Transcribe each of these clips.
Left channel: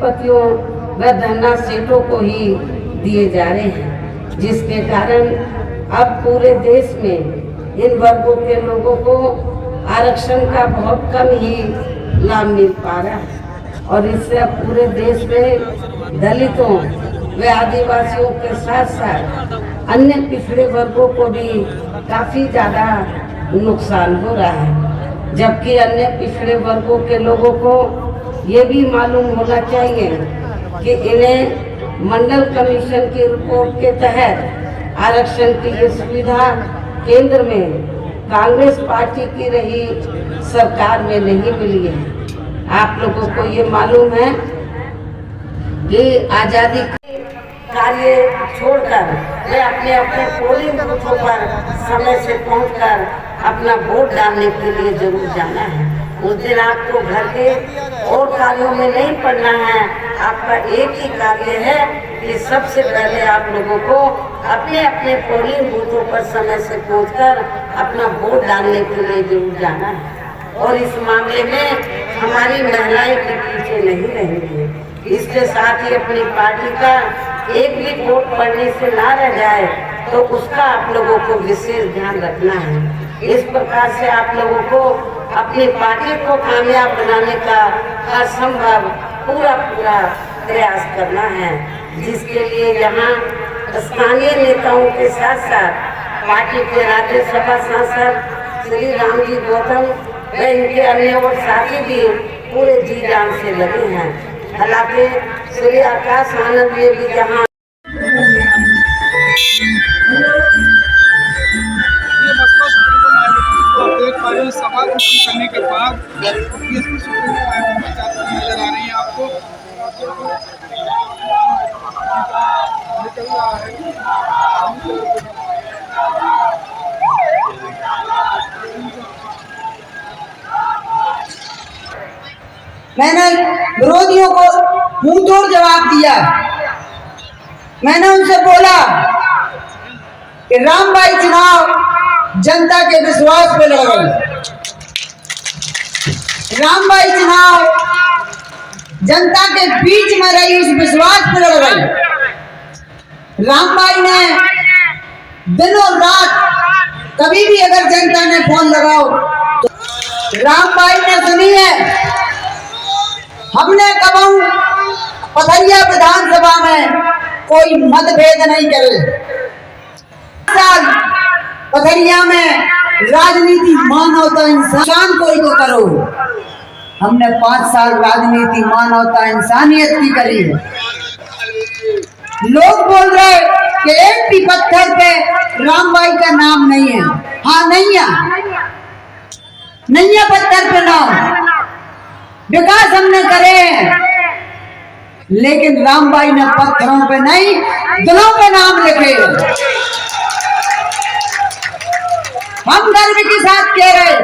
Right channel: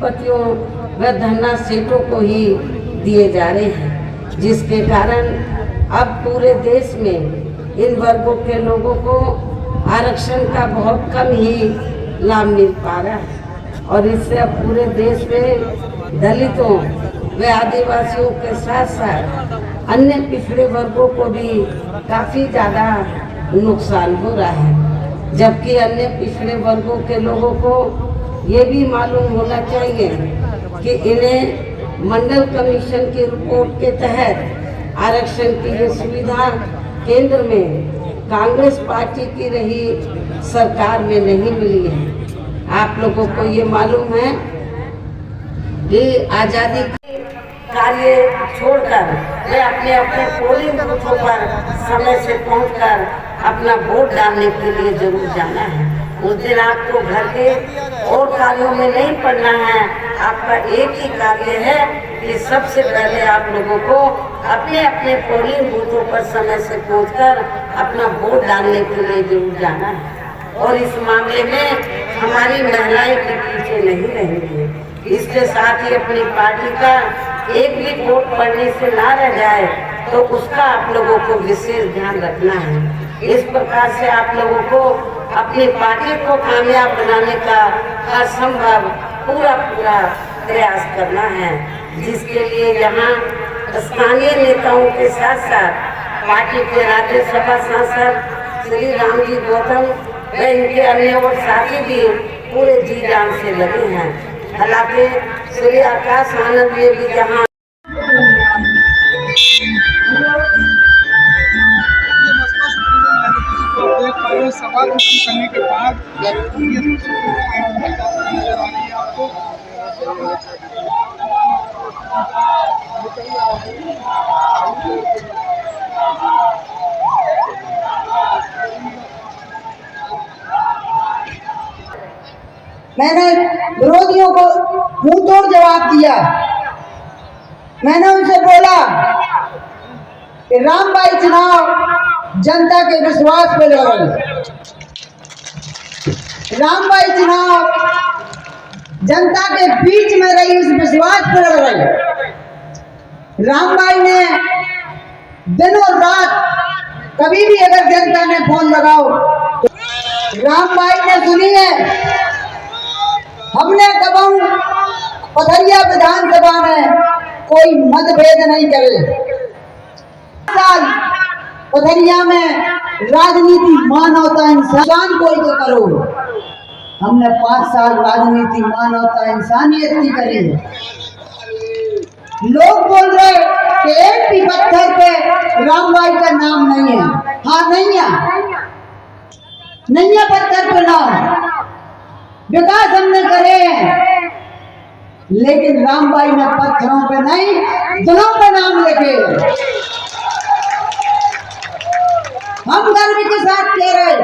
उद्योगपतियों व धन्ना सेठों को ही दिए जा रहे हैं, जिसके कारण अब पूरे देश में इन वर्गों के लोगों को आरक्षण का बहुत कम ही लाभ मिल पा रहा है। और इससे अब पूरे देश में दलितों व आदिवासियों के साथ साथ अन्य पिछड़े वर्गों को भी काफी ज्यादा नुकसान हो रहा है। जबकि अन्य पिछड़े वर्गों के लोगों को ये भी मालूम होना चाहिए कि इन्हें मंडल कमीशन की रिपोर्ट के तहत आरक्षण की ये सुविधा केंद्र में कांग्रेस पार्टी की रही सरकार में नहीं मिली है। आप लोगों को ये मालूम है कि आजादी के कार्य छोड़कर वे अपने अपने पोलिंग बूथों पर समय से पहुंचकर अपना वोट डालने के लिए जरूर जाना है। उस दिन आपको घर के और कार्यों में नहीं पड़ना है। आपका एक ही कार्य है कि सबसे पहले आप लोगों को अपने अपने पोलिंग बूथों पर समय से पहुंचकर अपना वोट डालने के लिए जरूर जाना है। और इस मामले में हमारी महिलाएं भी पीछे नहीं रहेंगी। इसके साथ ही अपनी पार्टी का एक भी वोट पड़ने से ना रह जाए तो उसका आप लोगों को विशेष ध्यान रखना है। इस प्रकार से आप लोगों को अपनी पार्टी को कामयाब बनाने का हर संभव पूरा प्रयास करना है, जिसके लिए यहाँ स्थानीय नेताओं के साथ साथ पार्टी के राज्यसभा सांसद श्री रामजी गौतम व इनके अन्य और साथी भी पूरे जी जान से लगे हैं। हालांकि श्री आकाश आनंद ये भी जहाँ देख पा रहे हैं सभा खत्म करने के बाद नजर आ रही है आपको। मैंने विरोधियों को मुंह तोड़ जवाब दिया। मैंने उनसे बोला कि रामबाई चुनाव जनता के विश्वास पे लड़ल। रामबाई चुनाव जनता के बीच में रही उस विश्वास पे लड़ल। रामबाई ने दिनों रात कभी भी अगर जनता ने फोन लगाओ तो रामबाई ने सुनी है। हमने कभी पथरिया विधानसभा में कोई मतभेद नहीं करे। पथरिया में राजनीति मानवता इंसान कोई तो करो। हमने 5 साल राजनीति मानवता इंसानियत की करी। लोग बोल रहे कि एक भी पत्थर पे रामबाई का नाम नहीं है। हाँ नहीं है पत्थर पे नाम। विकास हमने करे हैं, लेकिन रामबाई ने पत्थरों पे नहीं दिलों पे नाम लिखे। हम गर्व के साथ कह रहे,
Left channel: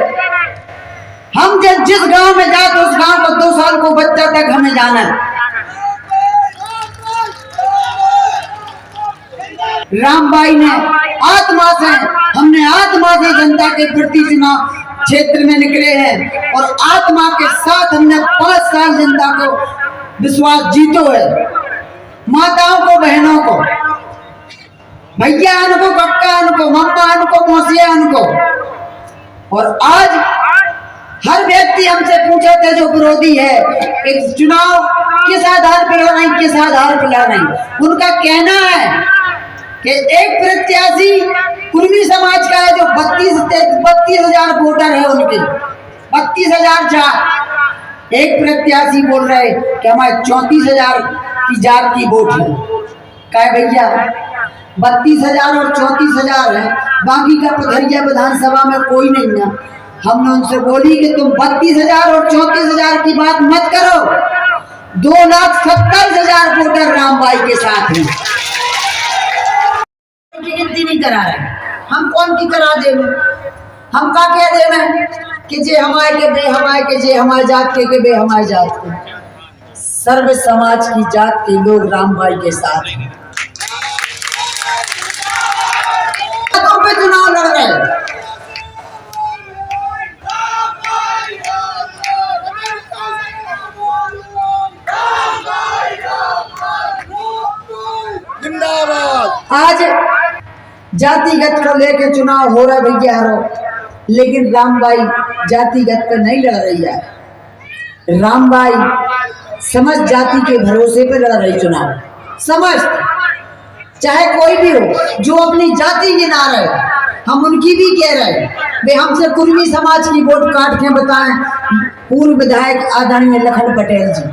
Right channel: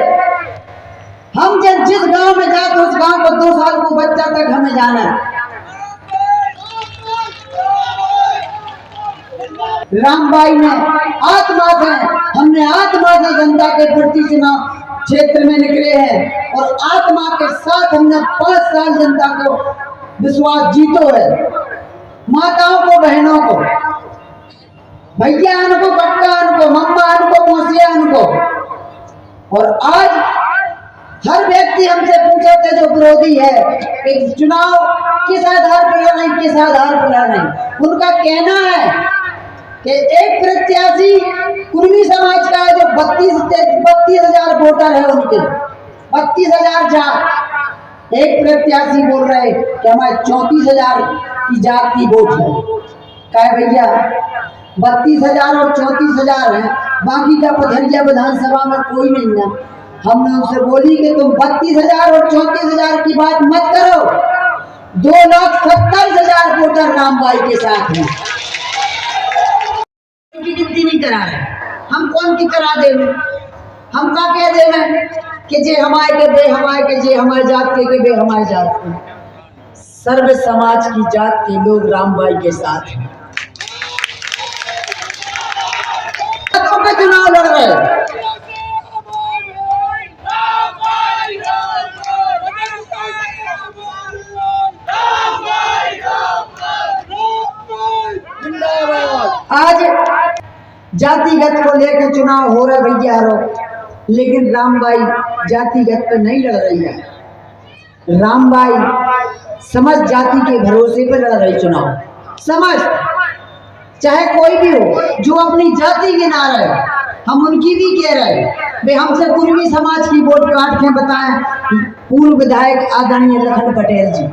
हम जब जिस गांव में जाते उस गांव को 2 साल को बच्चा तक हमें जाना है। रामबाई ने आत्मा से जनता के प्रति चुनाव क्षेत्र में निकले हैं और आत्मा के साथ हमने 5 साल जनता को विश्वास जीतो है। माताओं को, बहनों को, भैया को, कक्का को, मम्मा को, मौसिया को। और आज हर व्यक्ति हमसे पूछा था जो विरोधी है कि चुनाव किस आधार पर लड़ रही, किस आधार पर लड़ रही। उनका कहना है कि एक प्रत्याशी कुर्मी समाज का है जो 32,000 वोटर है उनके 32,004। एक प्रत्याशी बोल रहे कि हमारे 34,000 की जात की वोट है। क्या भैया 32,000 और 34,000 है, बाकी का पथरिया विधानसभा में कोई नहीं है। हमने उनसे बोली कि तुम 32,000 और 34,000 की बात मत करो। 2,27,000 वोटर रामबाई के साथ हैं। की गिनती नहीं करा रहे, हम कौन की करा दे। हम का कह दे कि जे हमारे के बे हमारे के, जे हमारे जात के बे हमारे जात के। सर्व समाज की जात के लोग रामबाई के साथ हैं। पे चुनाव लड़ रहे। जातिगत को लेके चुनाव हो रहा भैया रो, लेकिन रामबाई जातिगत पे नहीं लड़ रही है। रामबाई समझ जाति के भरोसे पे लड़ रही चुनाव। समझ, चाहे कोई भी हो जो अपनी जाति गिना रहे, हम उनकी भी कह रहे वे हमसे कुर्मी समाज की वोट काट के बताएं। पूर्व विधायक आदरणीय लखन पटेल जी,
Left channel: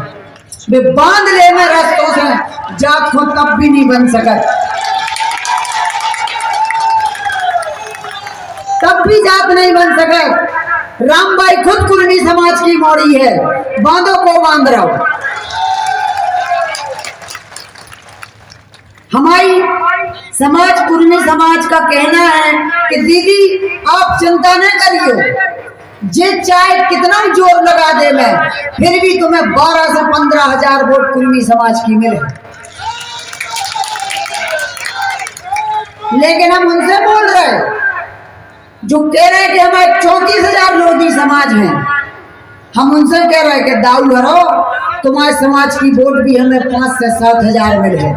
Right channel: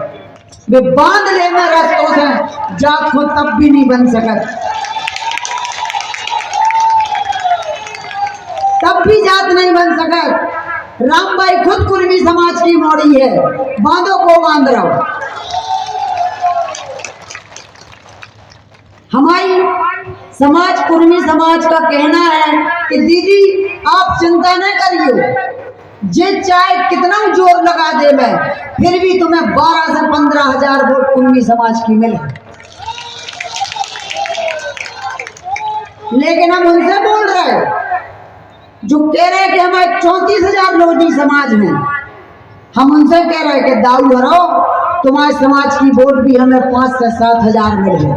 वे बांध ले में रस्तों से जात को तब भी नहीं बन सकत, तब भी जात नहीं बन सकत। रामबाई खुद कुर्मी समाज की मोड़ी है, बांधों को बांध रहा। हमारी समाज कुर्मी समाज का कहना है कि दीदी आप चिंता न करियो, जे चाहे कितना जोर लगा दे मैं, फिर भी तुम्हें 12 से 15 हजार वोट कुर्मी समाज की मिले। लेकिन हम उनसे बोल रहे जो कह रहे कि हमारे 34,000 लोधी समाज हैं, हम उनसे कह रहे कि दाऊ भरो, तुम्हारे समाज की वोट भी हमें 5 से 7 हजार मिले।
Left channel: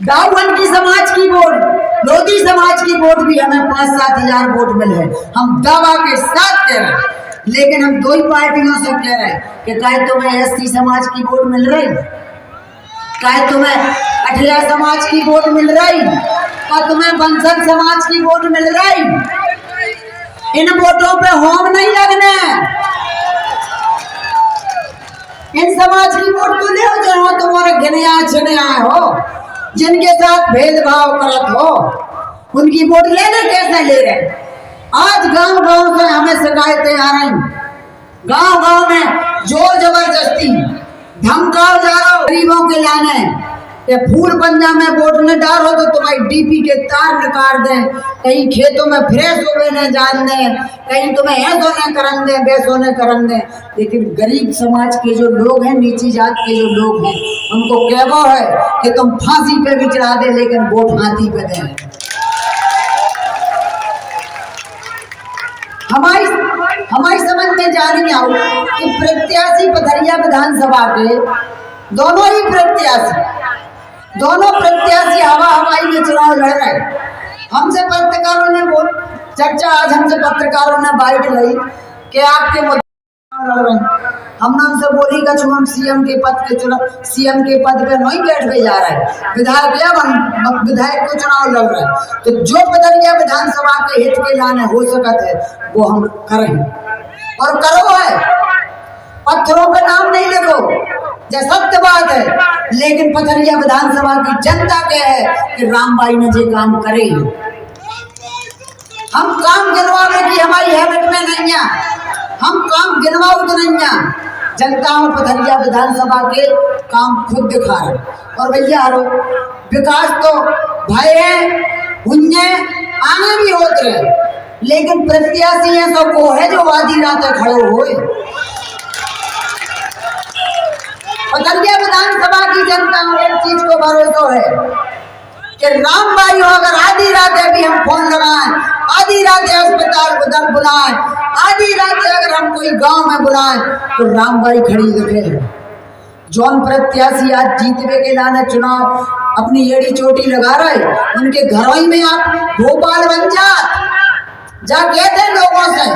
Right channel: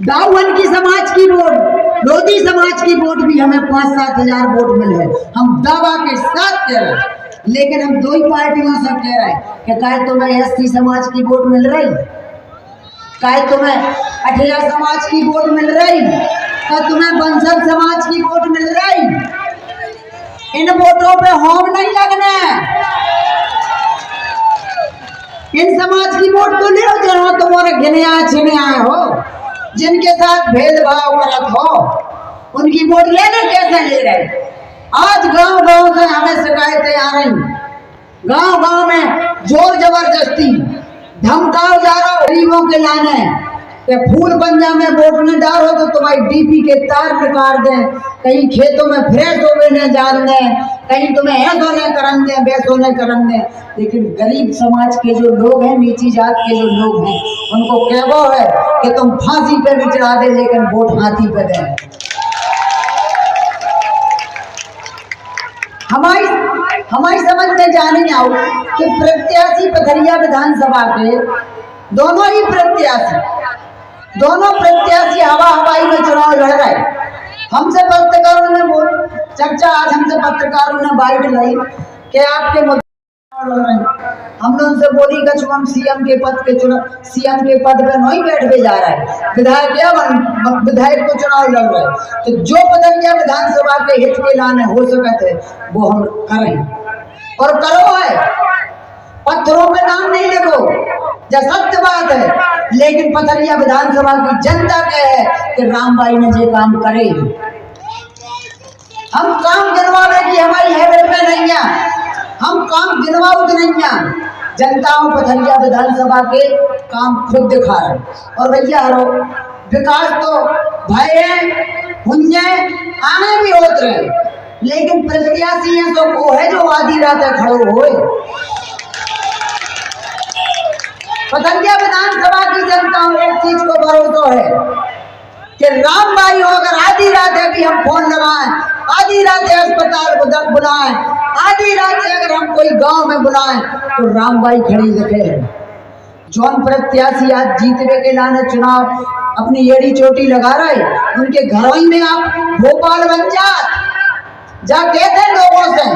दाऊहन की समाज की वोट, लोधी समाज की वोट भी हमें 5-7 हजार वोट मिले। हम दावा के साथ कह रहे हैं, लेकिन हम दो ही पार्टियों से कह रहे हैं कि चाहे तुम्हें एसटी समाज की वोट मिल रही, चाहे तुम्हें अठिया समाज की वोट मिल रही, और तुम्हें बंसल समाज की वोट मिल रही, इन वोटों पे होम नहीं लगना। इन समाज की वोट तो ले जो तुम्हारे गिने आए छिने आए हो, जिनके साथ भेदभाव करत हो, उनकी वोट लेने कैसे ले रहे। आज गांव गांव से हमें शिकायतें आ रही, गांव गांव में जोर जबरदस्ती धमकाओ जा रहा हो गरीबों के लाने कि फूल पंजा में वोट न डालो तो तुम्हारी डीपी के तार निकाल दें, कहीं खेतों में फ्रेश होवे न जान दें, कहीं तुम्हें ऐसो न करन दें, वैसो न करन दें। लेकिन गरीब समाज के जो लोग हैं, नीची जात के जो लोग हैं, उनको कहवो है कि तुम फांसी पे भी चढ़ा दे लेकिन वोट हाथी पे दें। हमारी समझ में जाने आओ कि प्रत्याशी पथरिया विधानसभा के दोनों प्रत्याशी हवा हवाई में चुनाव लड़ रहे। हमसे पत्रकारों ने चर्चा, आज हमसे पत्रकारों ने बाइट लाई कि आपके मुद्दे लड़ रहे हैं। हमने उनसे बोली कि हम सीएम के पद पे नहीं बैठने जा रहे हैं, विधायक को चुनाव लड़ रहे हैं। तो जो पथरिया विधानसभा के हित के लाने हो सकते है वो हम करें और करो है। पत्थरों पे नाम नहीं लिखो, जो सत्य बात है, लेकिन पथरिया विधानसभा की जनता कह है कि रामबाई ने जे काम करे। हम काम गिनवावे की हमारी हैबिट में नहीं है, हम काम गिनवाऊ तो नहीं है। जनताओं पथरिया विधानसभा के काम खुद दिखा रहे। और भैया हरो विकास तो भाई है, हुन्ने आने भी होते रहे, लेकिन प्रत्याशी है तो को है जो आधी रात खड़ो होए। पथरिया विधानसभा की जनता एक चीज को भरोसा है कि रामबाई हो, अगर आधी रात है भी हम फोन लगाएं, आधी रात अस्पताल को बुलाएं, आधी रात अगर हम कोई गांव में बुलाएं तो रामबाई खड़ी दिखे। जौन प्रत्याशी आज जीतने के लाने चुनाव अपनी एड़ी चोटी लगा रहे, उनके घरों ही में आप भोपाल बन जा कहते लोगों से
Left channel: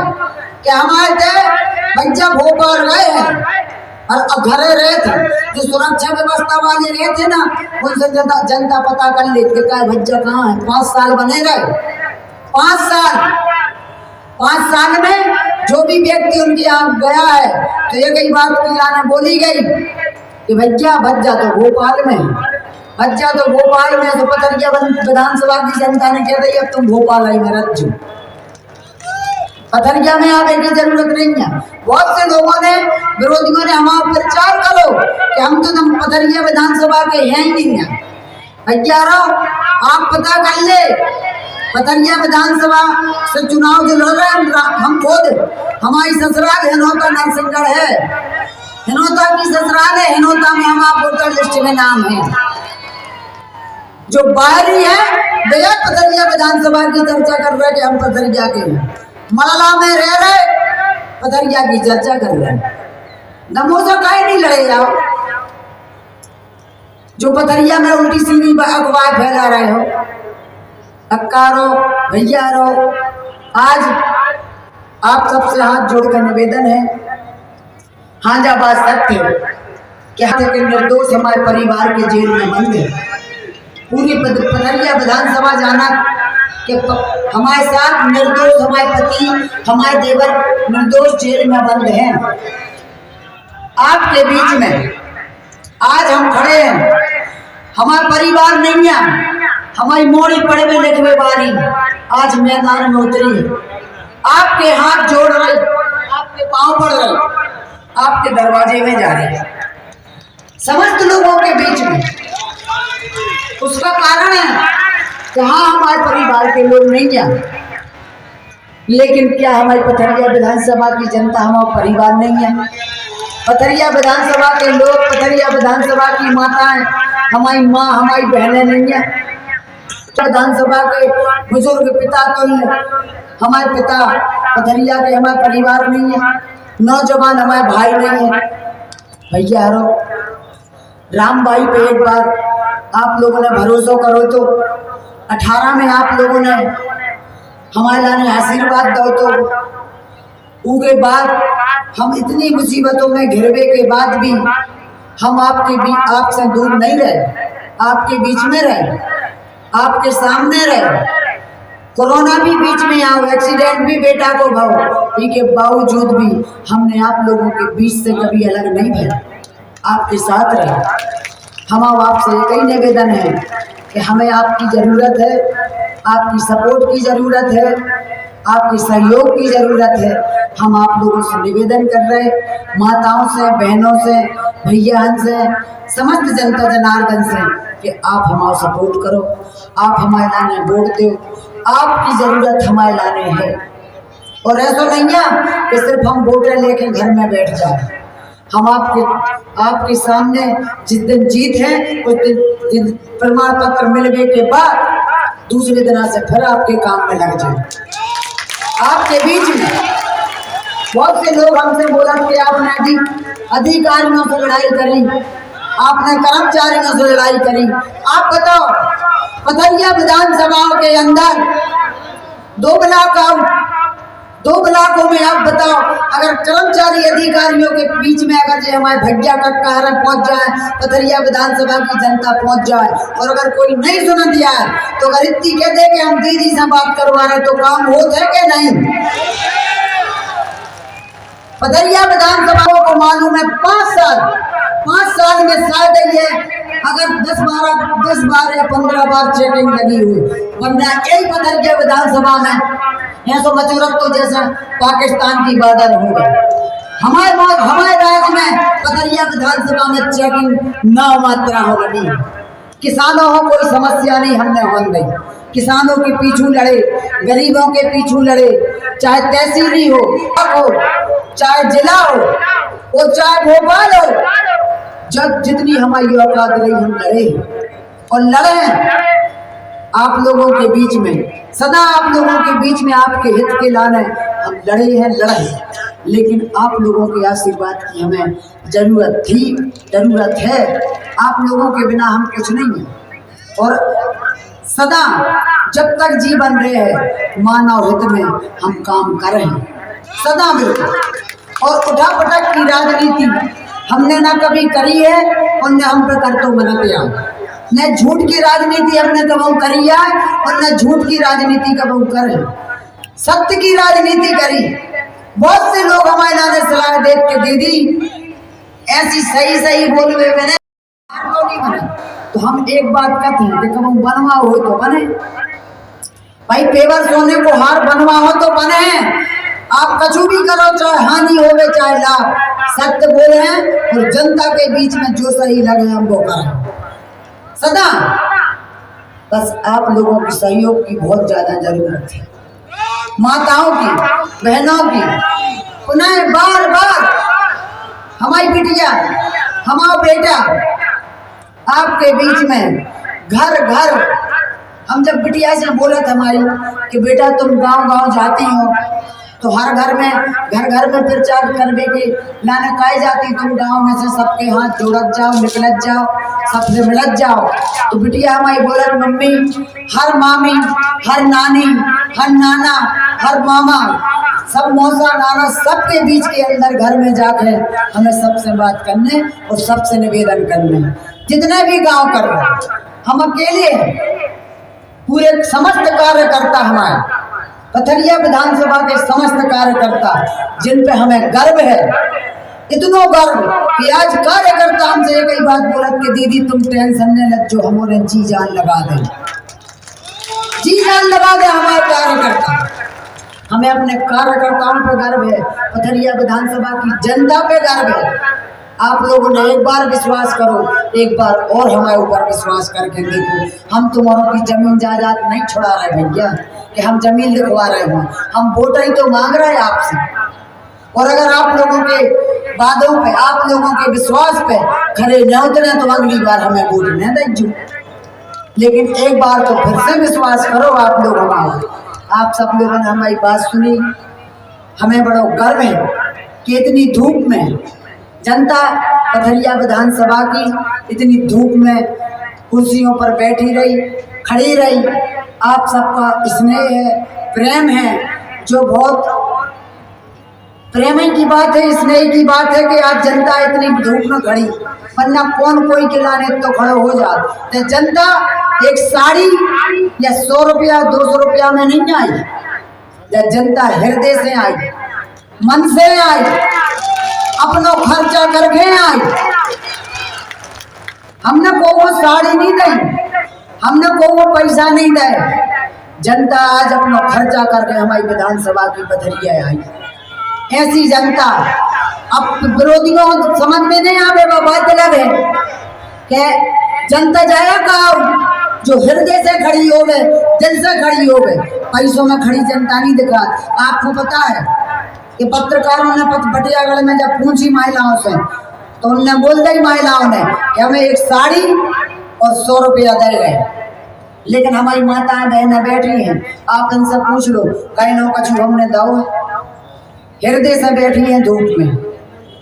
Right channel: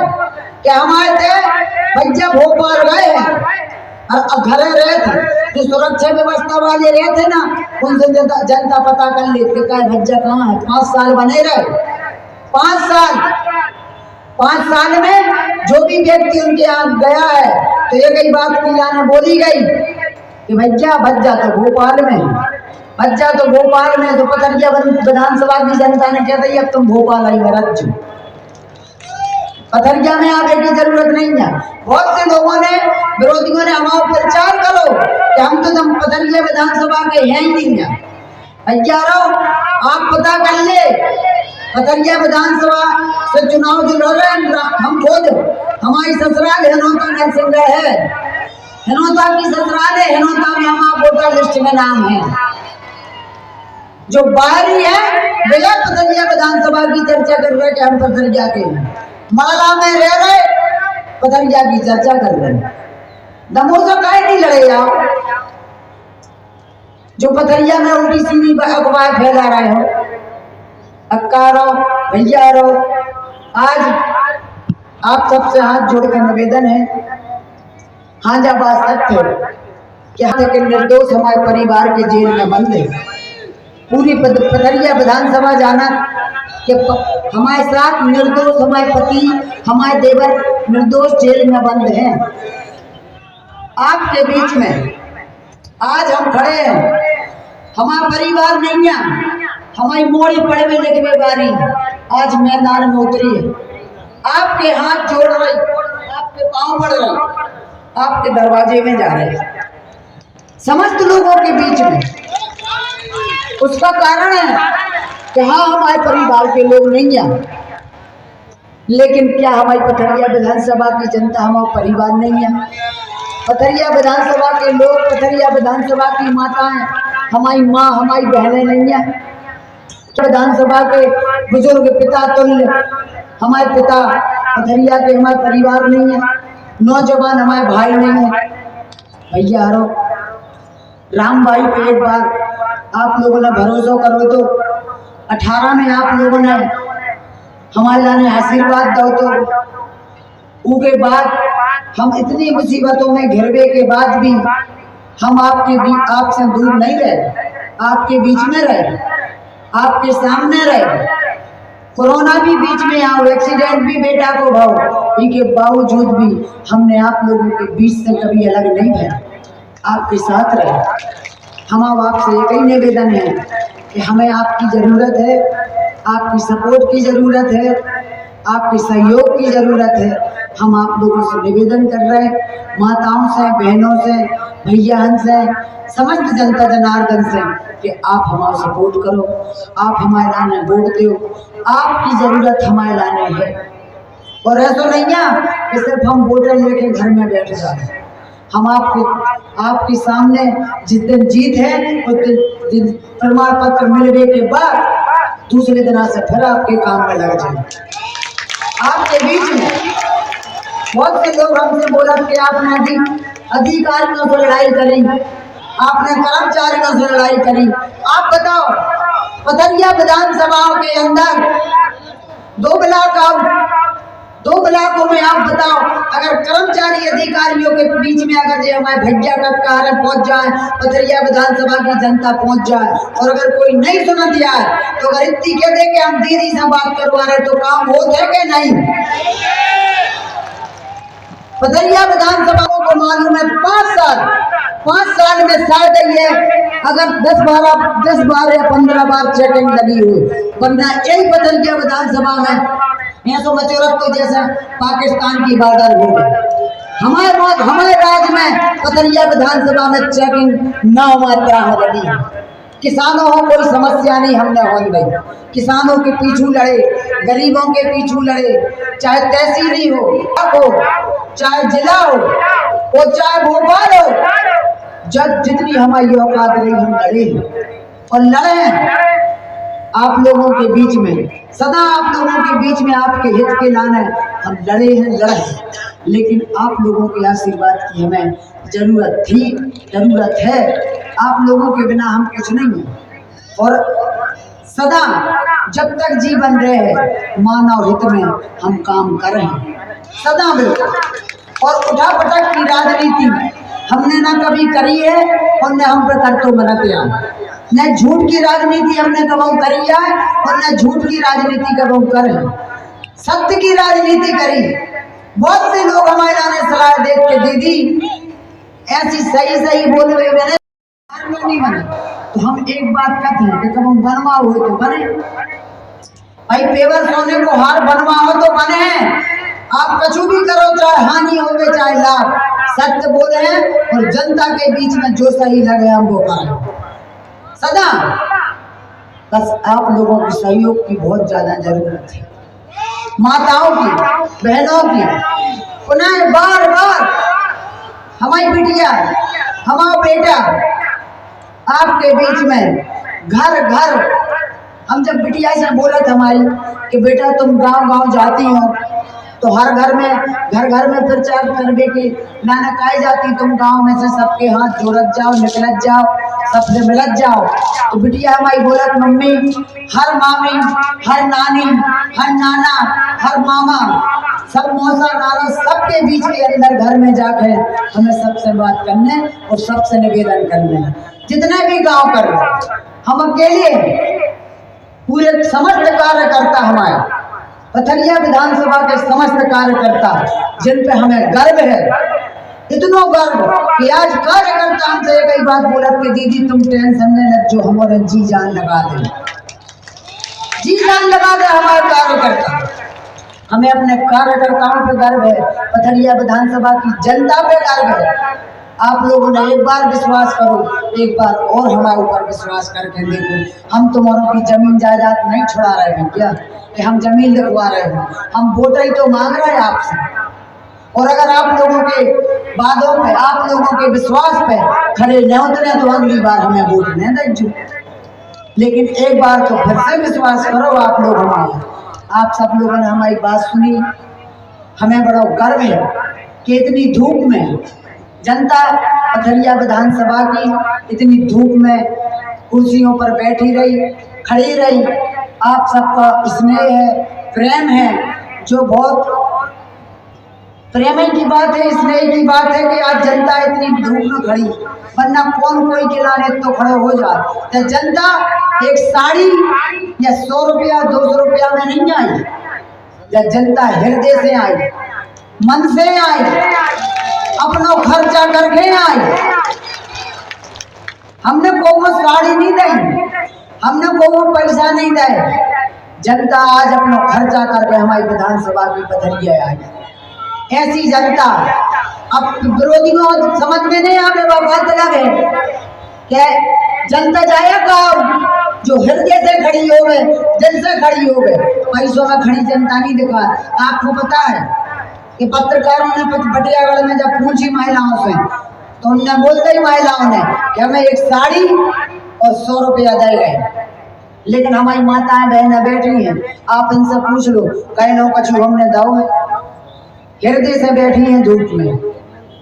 कि हमारे भैया भोपाल गए हैं और घर रहे थे, जो सुरक्षा व्यवस्था वाले रहे थे ना, उनसे जनता पता कर लेते भैया कहाँ है। 5 साल बने रहे, 5 साल में जो भी व्यक्ति उनके यहाँ गया है तो एक ही बात की लाने बोली गई कि भज्जा तो भोपाल में है, भज्जा तो भोपाल में। तो पथरिया विधानसभा की जनता ने कह दी अब तुम भोपाल आई भरत जो, पथरिया में आने की जरूरत नहीं है। बहुत से लोगों ने, विरोधियों ने हमारा प्रचार करो कि हम तो पथरिया विधानसभा के हैं ही नहीं है। भैया आप पता कर ले, पथरिया विधानसभा से चुनाव जो लड़ रहे हैं हम खुद, हमारी ससुराल हिनौता नरसिंहगढ़ है, हिनौता की ससुराल है, हिनौता में हमारा वोटर लिस्ट में नाम है। जो बाहरी है वे पथरिया विधानसभा की चर्चा कर रहे कि हम पथरिया के हैं, मलला में रह रहे पथरिया की चर्चा कर रहे हैं। दमोसा काहे नहीं लड़े जाओ, जो पथरिया में उल्टी सीधी अफवाह फैला रहे हो। अक्कारो, भैयारो, आज आप सबसे हाथ जोड़कर निवेदन है, हाँ जा बात सत्य क्या है कि निर्दोष हमारे परिवार के जेल में बंद है। पूरी पथरिया विधानसभा जाना कि हमारे साथ निर्दोष हमारे पति, हमारे देवर निर्दोष जेल में बंद हैं। आपके बीच में आज हम खड़े हैं, हमारा परिवार नहीं है, हमारी मोड़ी पढ़वे लिखवे बारी आज मैदान में उतरी है। आपके हाथ जोड़ रहे, आपके पांव पड़ रहे, आपके दरवाजे में जा रहे हैं समस्त लोगों के बीच में। उसका कारण है कि हाँ हमारे परिवार के लोग नहीं हैं, लेकिन क्या हमारी पथरिया विधानसभा की जनता हमारा परिवार नहीं है? पथरिया विधानसभा के लोग, पथरिया विधानसभा की माताएं हमारी माँ, हमारी बहनें नहीं है? विधानसभा के बुजुर्ग पिता तुल्य हमारे पिता पथरिया के हमारे परिवार नहीं है? नौजवान हमारे भाई नहीं है? भैया राम भाई पे एक बार आप लोगों ने भरोसा करो तो 18 में आप लोगों ने हमारे लाने आशीर्वाद दो तो उसके बाद हम इतनी मुसीबतों में घिरवे के बाद भी हम आपसे दूर नहीं रहे, आपके बीच में रहे, आपके सामने रहे। कोरोना भी बीच में आया, एक्सीडेंट भी बेटा को भाव, इसके बावजूद भी हमने आप लोगों के बीच से कभी अलग नहीं भरे, आपके साथ रहे। हम आपसे एक ही निवेदन है कि हमें आपकी ज़रूरत है, आपकी सपोर्ट की ज़रूरत है, आपके सहयोग की ज़रूरत है। हम आप लोगों से निवेदन कर रहे, माताओं से, बहनों से, भैयान से, समस्त जनता जनार्दन से कि आप हमारा सपोर्ट करो, आप हमारे लाने वोट दो, आपकी ज़रूरत हमारे लाने है। और ऐसा नहीं है कि सिर्फ हम वोटर लेके घर में बैठ जाए। हम आपके सामने जिस दिन जीत है उस दिन प्रमाण पत्र मिलने के बाद दूसरे दिन से फिर आपके काम में लग जाए। आपके बीच में बहुत से लोग हमसे बोला कि आपने अधिकारियों से लड़ाई करी, आपने कर्मचारियों से लड़ाई करी। आप बताओ पथरिया विधानसभाओं के अंदर 2 ब्लॉकों में आप बताओ अगर कर्मचारी अधिकारियों के बीच में अगर जो हमारे भैया का कारण पहुंच जाए, पथरिया विधानसभा की जनता पहुंच जाए, और अगर कोई नहीं सुन दिया है तो अगर इतनी कह दे कि हम दीदी से बात करवा रहे तो काम होता है कि नहीं? पथरिया विधानसभा को मालूम है 5 साल में शायद ये अगर 10, 12 या 15 बार चेकिंग लगी हुई, वरना यही पथरिया विधानसभा में यहाँ तो मचौरत तो जैसा पाकिस्तान की बॉर्डर हो गई। हमारे राज्य में पथरिया विधानसभा में चेकिंग 9 मात्रा हो गई। किसानों को कोई समस्या नहीं हमने होने दी, किसानों के पीछू लड़े, गरीबों के पीछू लड़े, चाहे तहसीली हो, चाहे जिला हो, और चाहे भोपाल हो, जब जितनी हमारी औकात रही हम लड़े और लड़े आप लोगों के बीच में, सदा आप लोगों के बीच में आपके हित के लाने हम लड़े हैं। लेकिन आप लोगों के आशीर्वाद की हमें ज़रूरत थी, ज़रूरत है। आप लोगों के बिना हम कुछ नहीं हैं। और सदा जब तक जीवन रहे मानव हित में हम काम कर रहे हैं, सदा बिल्कुल। और उठापटक की राजनीति हमने ना कभी करी है और न हम पे कर तो मनते हैं। न झूठ की राजनीति हमने कभी करी है और न झूठ की राजनीति कभी करे, सत्य की राजनीति करी। बहुत से लोग हमारे लाने सलाह देख के दीदी ऐसी सही बोलवे में नहीं बने, तो हम एक बात कहते हैं कि कभी बनवा हो तो बने भाई, पेवर सोने को हार बनवा हो तो बने। आप कछु भी करो, चाहे हानि होवे चाहे लाभ, सत्य बोले और जनता के बीच में जो सही लगे हम वो करें सदा। बस आप लोगों के सहयोग की बहुत ज्यादा जरूरत है, माताओं की, बहनों की। पुनः बार हमारी बिटिया, हमारा बेटा आपके बीच में घर हम जब बिटिया से बोला था हमारी कि बेटा तुम गांव जाती हो तो हर घर में प्रचार करने की लाना काई जाती, तुम गांव में से सबके हाथ जोड़त जाओ, निकलत जाओ, सबसे मिलत जाओ। तो बिटिया हमारी बोलत मम्मी, हर मामी, हर नानी, हर नाना, हर मामा, सब मौसा नाना, सबके बीच के अंदर घर में जाके हमें सबसे बात करने और सबसे निवेदन करने। जितने भी गांव कर रहे हम अकेले पूरे समस्त कार्यकर्ता हमारे पथरिया विधानसभा के समस्त कार्यकर्ता, जिन पे हमें गर्व है, इतनो गर्व कि आज कार्यकर्ता हमसे एक ही बात बोलत कि दीदी तुम टेंशन न ले, जो हमारे जी जान लगा दे, जी जान लगा दे हमारे कार्यकर्ता। हमें अपने कार्यकर्ताओं पे गर्व है, पथरिया विधानसभा की जनता पे गर्व है। आप लोगों ने एक बार विश्वास करो, एक बार और हमारे ऊपर विश्वास करके देखो। हम तुम्हारों की जमीन जायदाद नहीं छुड़ा रहे भैया कि हम जमीन लिखवा रहे हो, हम वोट ही तो मांग रहे हैं आपसे। और अगर आप लोगों के वादों पे, आप लोगों के विश्वास पे खड़े न उतरे तो अगली बार हमें वोट न दीजिए। लेकिन एक बार तो फिर से विश्वास करो आप लोग हमारा। आप सब लोगों ने हमारी बात सुनी, हमें बड़ा गर्व है कि इतनी धूप में जनता पथरिया विधानसभा की इतनी धूप में कुर्सियों पर बैठी रही, खड़ी रही। आप सबका स्नेह है, प्रेम है, जो बहुत प्रेम की बात है, स्नेह की बात है कि आज जनता इतनी धूप में खड़ी, वरना कौन कोई किलाने तो खड़े हो जाए। तो जनता एक साड़ी या 100 रुपया 200 रुपया में नहीं आई, या जनता हृदय से आई, मन से आई, अपना खर्चा करके आई। हमने को साड़ी नहीं दी, हमने को पैसा नहीं दे, जनता आज अपना खर्चा करके हमारी विधानसभा की पथरिया आई। ऐसी जनता अब विरोधियों समझ में नहीं आवे, वो बात अलग है कि जनता जाएगा जो हृदय से खड़ी हो गए, दिल से खड़ी हो गए, पैसों में खड़ी जनता नहीं दिखा। आपको पता है कि पत्रकारों ने बटियागढ़ में जब पूछी महिलाओं से, तो उनने बोल दी महिलाओं ने कि हमें एक साड़ी और 100 रुपया दे गए। लेकिन हमारी माताएं बहनें बैठी हैं, आप इनसे पूछ लो, कई लोग कछु हमने दाओ हृदय से बैठी हैं धूप में।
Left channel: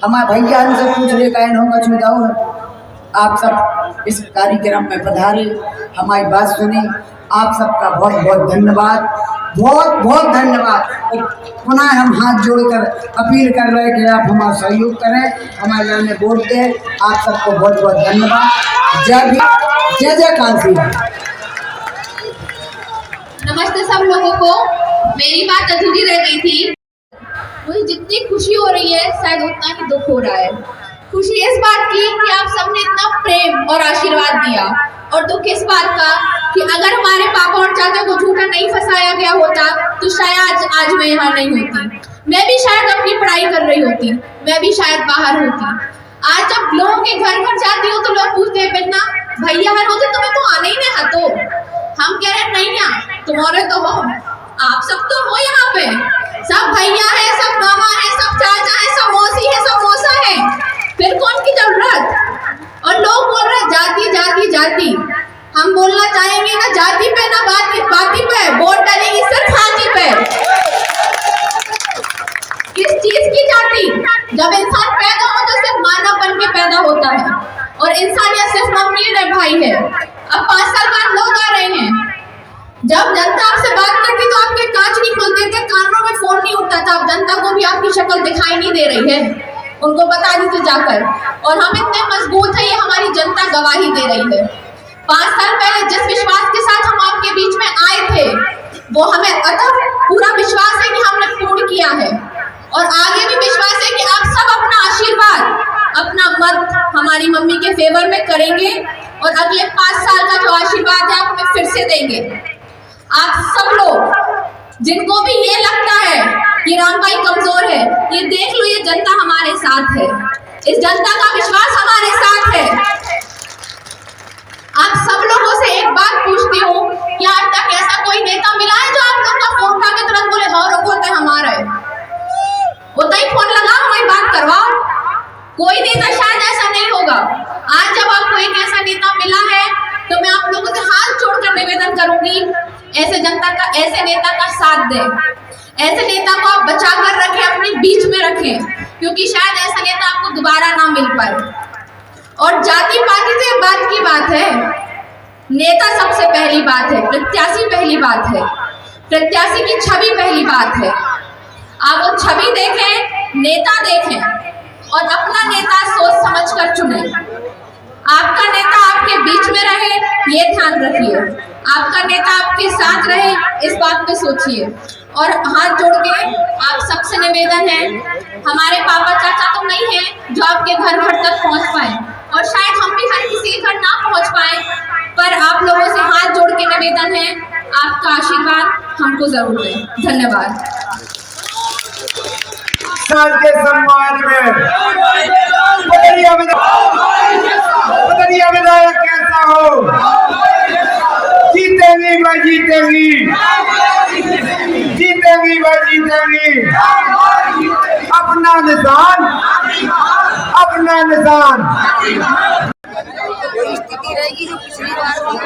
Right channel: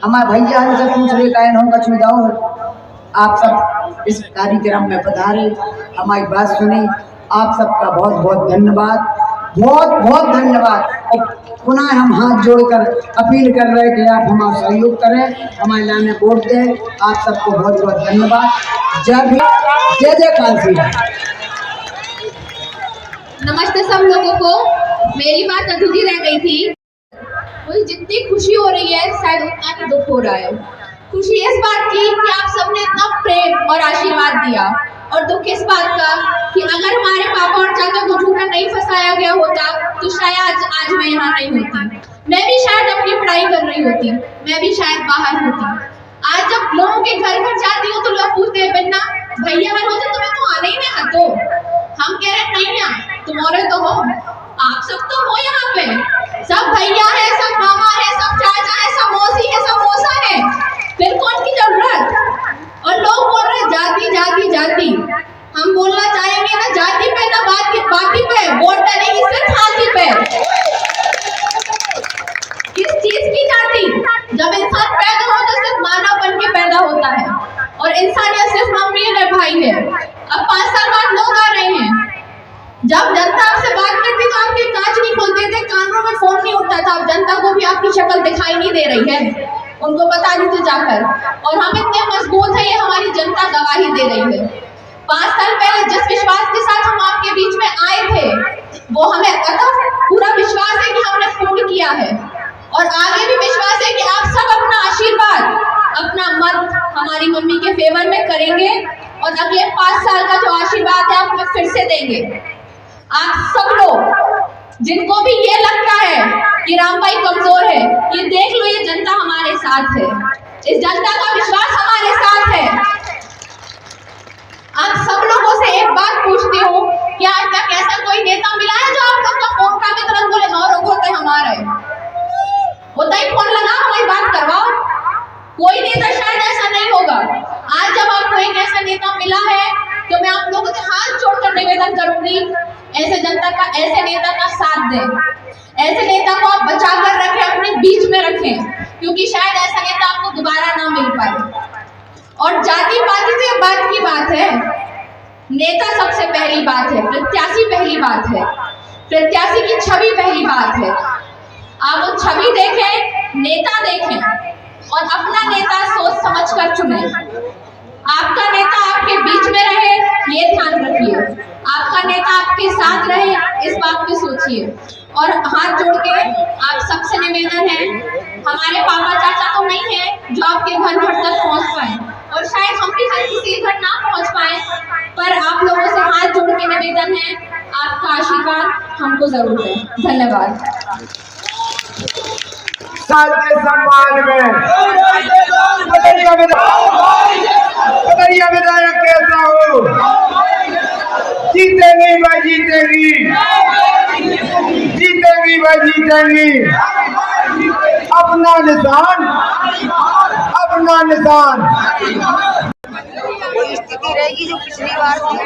हमारे भैया हमसे पूछ रहे, कई लोग कछु दाओ है। आप सब इस कार्यक्रम में पधारे, हमारी बात सुनी, आप सबका बहुत बहुत धन्यवाद, बहुत बहुत धन्यवाद। और पुनः हम हाथ जोड़कर अपील कर रहे हैं कि आप हमारा सहयोग करें, हमारे लाने वोट दें। आप सबको बहुत बहुत धन्यवाद। जय भीम, जय जय काशी। नमस्ते सब लोगों को। मेरी बात अधूरी रह गई थी। मुझे जितनी खुशी हो रही है शायद उतना ही दुख हो रहा है। खुशी इस बात की कि आप सबने इतना प्रेम और आशीर्वाद दिया, और दुख इस बात का कि अगर हमारे पापा और चाचा को झूठा नहीं फंसाया गया होता तो शायद आज मैं यहाँ नहीं होती। मैं भी शायद अपनी पढ़ाई कर रही होती, मैं भी शायद बाहर होती। आज जब लोगों के घर घर जाती हूँ तो लोग पूछते हैं, बेटा भैया हर होते तुम्हें तो आना ही नहीं है। तो हम कह रहे नहीं ना, तुम्हारे तो हो, आप सब तो हो यहाँ पे, सब भैया है, सब मामा है, सब चाचा है, सब मौसी है, सब मौसा है, फिर कौन की जरूरत। और लोग बोल रहे जाति जाति जाति। हम बोलना चाहेंगे ना जाति पे ना बाती पे, वोट डालेंगे सिर्फ हाथी पे। किस चीज की जाति? जब इंसान पैदा हो तो सिर्फ मानव बन के पैदा होता है, और इंसानियत सिर्फ मम्मी और भाई है। अब 5 साल बाद लोग आ रहे हैं। जब जनता आपसे बात करती तो आपके कांच नहीं खुलते थे, कानों में फोन नहीं उठता था। अब जनता को भी आपकी शक्ल दिखाई नहीं दे रही है, उनको बता दीजिए जाकर। और हम इतने मजबूत हैं, ये हमारी जनता गवाही दे रही है। 5 साल पहले जिस विश्वास के साथ हम आपके बीच में आए थे, वो हमें अतः पूरा विश्वास है कि हमने पूर्ण किया है, और आगे भी विश्वास है कि आप सब अपना आशीर्वाद, अपना मत हमारी मम्मी के फेवर में करेंगे, और अगले 5 साल का जो आशीर्वाद है आप हमें फिर से देंगे। आप सब लोग जिनको भी ये लगता है कि राम भाई कमजोर है, ये देख लो, ये जनता हमारे साथ है, इस जनता का विश्वास हमारे साथ है। आप सब लोगों से एक बात पूछती हूँ, क्या आज तक ऐसा कोई नेता मिला है जो आप लोग का फोन उठा के तुरंत बोले हाँ रोको तो हमारा है, होता ही फोन लगा हमारी बात करवाओ? कोई नेता शायद ऐसा नहीं होगा। आज जब आपको एक ऐसा नेता मिला है तो मैं आप लोगों से हाथ जोड़कर निवेदन करूंगी, ऐसे जनता का, ऐसे नेता का साथ दें, ऐसे नेता को आप बचा कर रखें, अपने बीच में रखें, क्योंकि शायद ऐसा नेता आपको दोबारा ना मिल पाए। और जाति पाति तो बात की बात है, नेता सबसे पहली बात है, प्रत्याशी पहली बात है, प्रत्याशी की छवि पहली बात है। आप वो छवि देखें, नेता देखें और अपना नेता सोच समझ कर चुने। आपका नेता आपके बीच में रहे, ये ध्यान रखिए। आपका नेता आपके साथ रहे, इस बात पे सोचिए। और हाथ जोड़ के आप सबसे निवेदन है, हमारे पापा चाचा तो नहीं है जो आपके घर घर तक पहुंच पाए, और शायद हम भी हर किसी के घर ना पहुंच पाए, पर आप लोगों से हाथ जोड़ के निवेदन है, आपका आशीर्वाद हमको जरूर दें। धन्यवाद। साल के सम्मान में पतरिया विधायक कैसा हो, जीतेंगी व जीतेंगी, जीतेंगी व जीतेंगी। अपना निशान, अपना निशान। वही स्थिति रहेगी जो पिछली बार थी।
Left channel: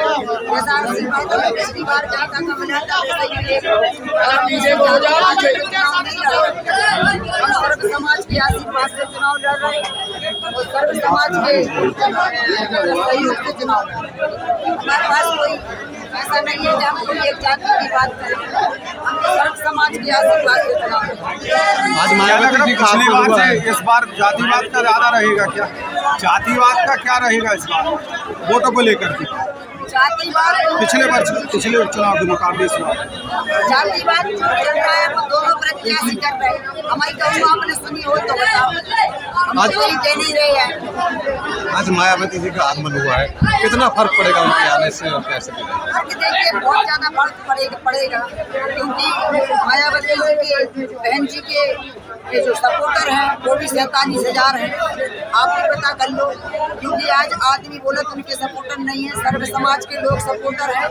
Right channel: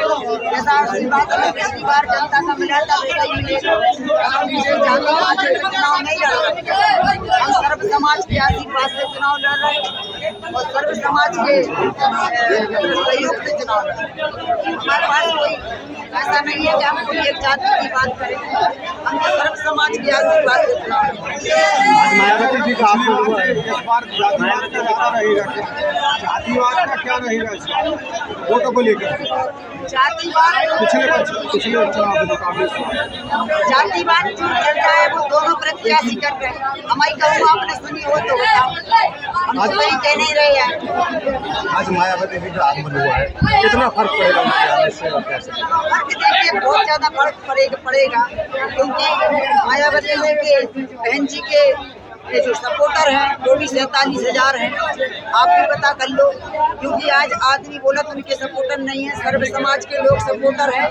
जैसा आशीर्वाद हमें पिछली बार जनता का मिला था वैसा ही मिलेगा। हम इससे ज्यादा चुनाव नहीं लड़ रहे, हम सर्व समाज के आशीर्वाद से चुनाव लड़ रहे हैं और सर्व समाज के सहयोग से चुनाव लड़ रहे हैं। हमारे पास कोई ऐसा नहीं है कि हम कोई एक जाति की बात करें, हम सर्व समाज के आशीर्वाद से चुनाव लड़ रहे हैं। आज मायावती जी का आशीर्वाद है, इस बार जातिवाद का ज्यादा रहेगा क्या? जातिवाद का क्या रहेगा इस बार वोटों को लेकर? जातिवाद पिछले चुनाव के मुकाबले से जातिवाद जो चल रहा है वो दोनों प्रत्याशी कर रहे हैं। हमारी कहूँ आपने सुनी हो तो बताओ, हम तो कहीं कह नहीं रहे हैं। आज मायावती जी का आगमन हुआ है, कितना फर्क पड़ेगा उनके आने से और कैसे? फर्क देखिए बहुत ज्यादा फर्क पड़ेगा क्योंकि मायावती जी के बहन जी के ये जो सपोर्टर हैं वो भी 47,000 हैं। आप भी पता कर लो, क्योंकि आज आदमी बोला तो उनके सपोर्टर नहीं है, सर्व समाज के लोग सपोर्टर हैं,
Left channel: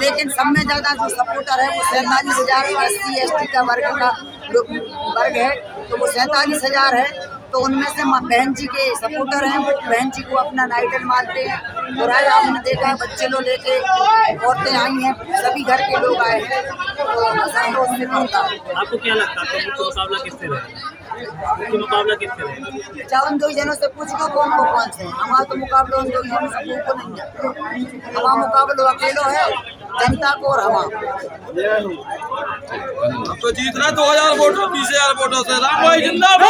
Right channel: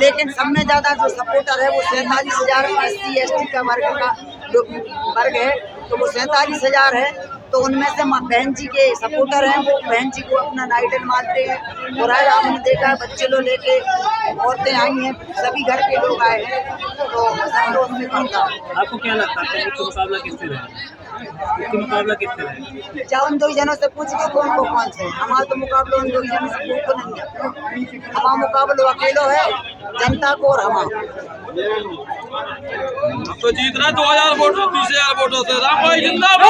लेकिन सब में ज़्यादा जो सपोर्टर है वो 47,000 SC ST का वर्ग है, तो वो 47,000 है। तो उनमें से बहन जी के सपोर्टर हैं, वो बहन जी को अपना आइडल मानते हैं। और आज आपने देखा बच्चे लोग लेके औरतें आई हैं, सभी घर के लोग आए हैं, तो संतोष से पड़ता है। आपको क्या लगता है मुकाबला किससे रहेगा? मुकाबला किससे रहेगा? चाहे उन 2 जनों से पूछ लो कौन से। हमारा तो मुकाबला उन 2 जनों से को नहीं है, हमारा मुकाबला अकेलो है, जनता को और हमारा। तो जीतना 2000 वोटों 20,000 वोटों से। राम भाई जिंदाबाद।